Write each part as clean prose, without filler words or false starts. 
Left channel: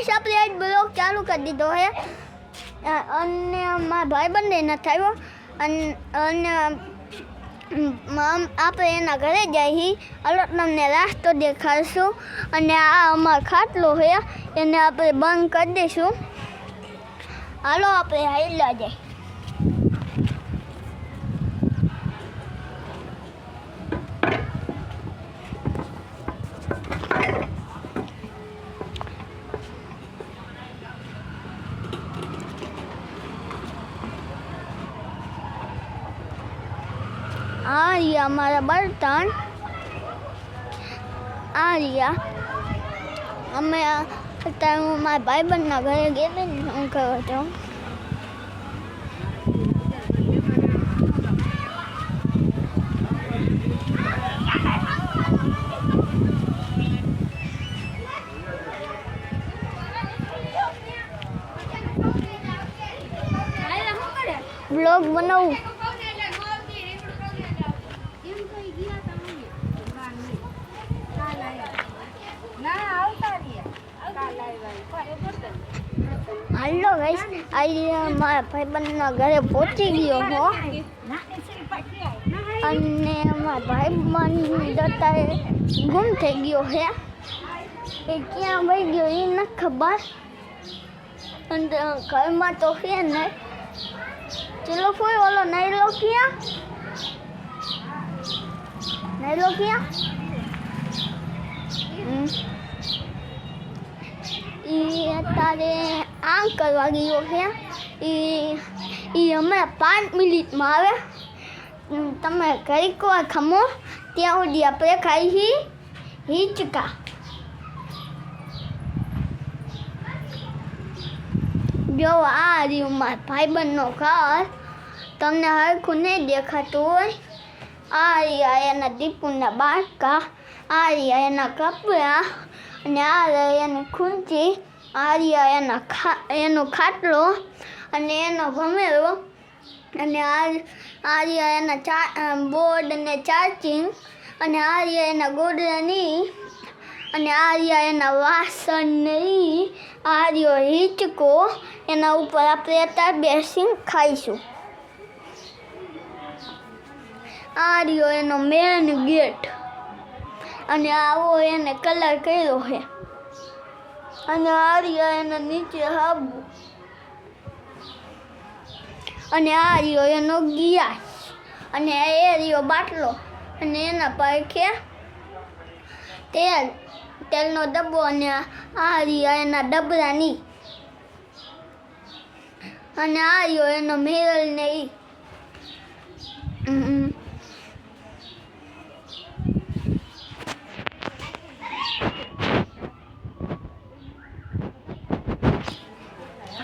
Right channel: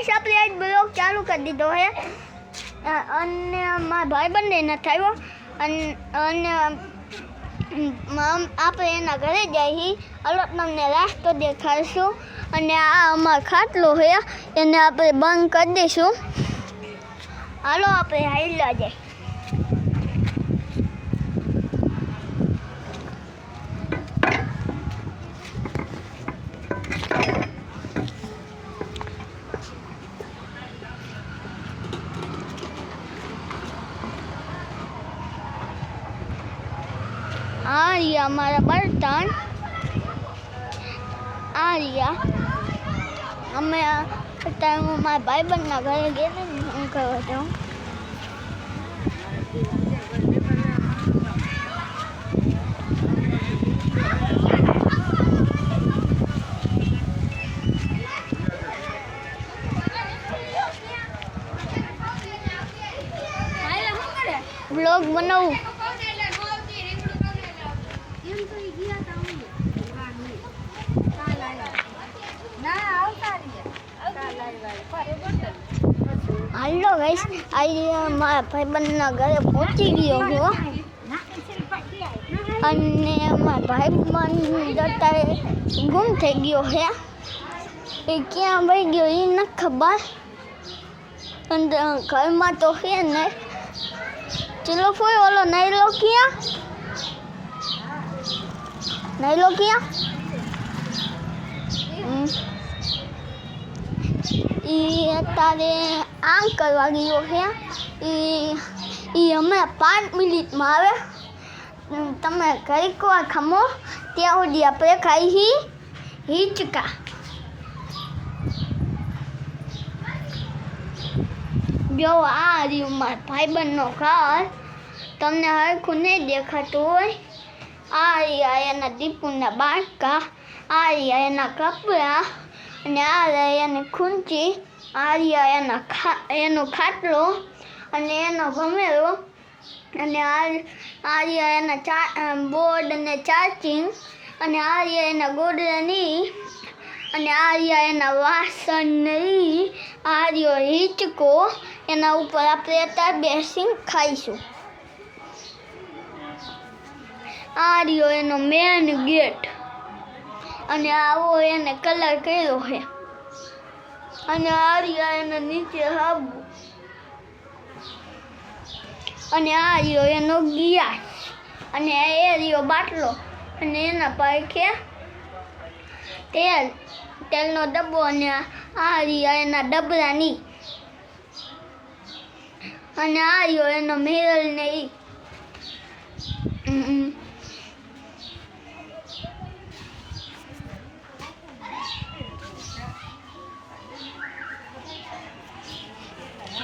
guys આપણે આજ blog ચાલુ કરી દીધો હે અને મારા ભાઈબંધ નથી આવ્યો અને આપણે એના ઘરે જઈએ હાલો તમને રાસ્તો દેખાડશું અને આ અમારો ખાટલો છે એને આપણે બંધ કરી દઈશું હાલો આપણે હાલ્યા જઈએ આ રહ્યા અમારા બર્તન આ રહ્યા અમે અત્યારે હું મારા ભાઈબંધના ઘરે ગયેલી હું કહ્યો હતો બ્લોગ બનાવું હાલો ગાઈસ આજે મારા ભાઈબંધના ઘરે પહોંચી ગયો હો અને મારા ભાઈબંધ અત્યારે ગુમ થઈ ગયો હે એ ક્યાં વહી ગયો એ નથી ખબર અને ઘરમાં તો છે ને ચલો ફોઈ ઓલો નહીં લો ક્યાં અત્યારે આમ કરવા ગયો છે એ હમણાં 5 મિનિટમાં આવે તમે ઘડીક વાર ખમો ત્યાં સુધી આપણે ખાઈ હિંચકા જો આ રહ્યું મારા ભાઈબંધનો ઘર તમને હરખું નહીં દેખાતું હોય આ રહ્યા એના દીપુના બાળકા આ રહ્યા એના કપડાં અને આ રહ્યા એની ખૂંચી આ રહ્યા એનો ખાટલો અને એનો ભમેરો અને આ રહ્યા એના બોર્ડ અને ચાર્જિંગ અને આ રહ્યા એના ગોદડાની અને આ રહ્યા એના વાસણ નહીં આ રહ્યો હિંચકો એના ઉપર આપણે અત્યારે બેસીને ખાઈશું આ રહ્યો એનો મેન ગેટ અને આવો એને કલર કર્યો છે અને આ રહ્યા એના નીચે હાબુ અને આ રહ્યો એનો ગિયાસ અને એ રહ્યો બાટલો અને એના પાછે તેલનો ડબ્બો અને આ રહ્યા એના ડબલાની અને આ રહ્યો એનો મેરલ ને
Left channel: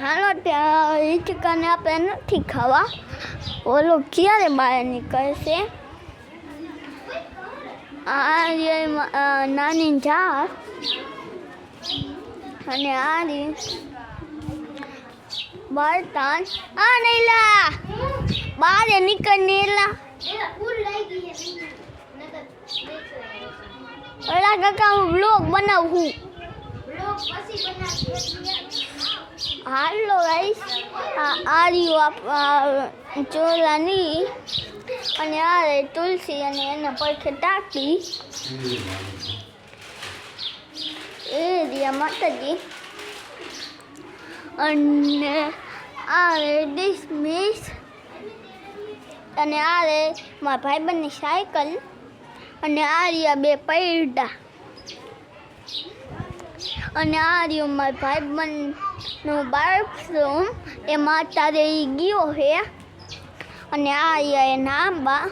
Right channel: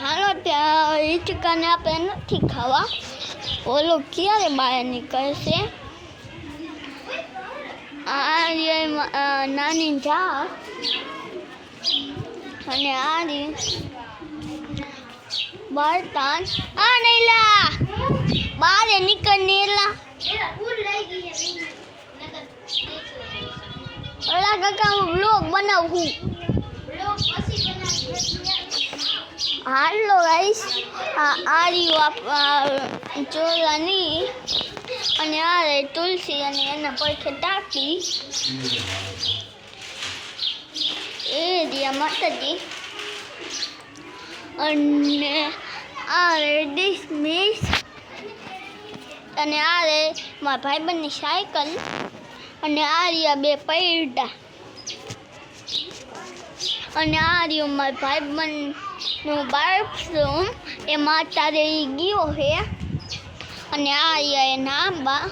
હાલો ત્યાં હિંચકાને આપણે નથી ખાવા ઓલો ક્યારે બહાર નીકળશે આ નાની જાત અને આ બર્તન આ નૈલા બહાર નીકળ નેલા ઓલા કાકા હું બ્લોગ બનાવું હાલો ગાઈસ આ રહ્યું ચોલાની અને આ રે તુલસી અને એના પડખે ટાંકી એ રહ્યા માતાજી અને આ રે ડિસમિસ અને આ રે મારા ભાઈબંધની સાયકલ અને આ રહ્યા 2 પૈડા અને આ રહ્યું મારા ભાઈબંધનું બાથરૂમ એમાં અત્યારે ગયો છે અને આ રહ્યા એના આંબા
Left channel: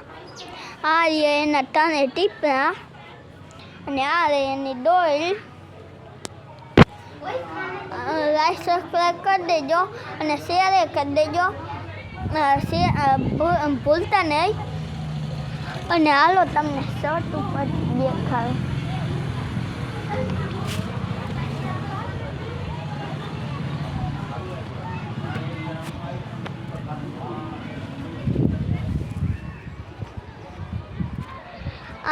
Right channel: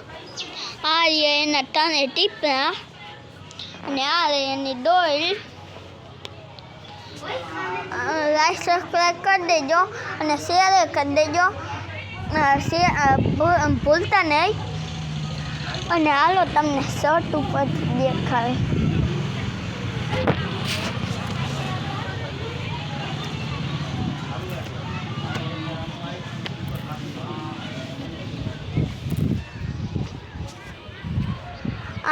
આ રહ્યા એના 3 ટીપરા અને આ રહી એની ડોલ લાઈક સબસ્ક્રાઈબ કરી દેજો અને શેર કરી દેજો ભૂલતા નહીં અને હાલો તમને શર્ટ ઉપર દેખાય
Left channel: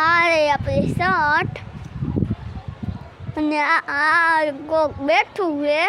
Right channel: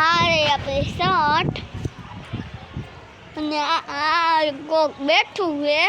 આ રે આપણે શર્ટ અને આ કોક બેઠું છે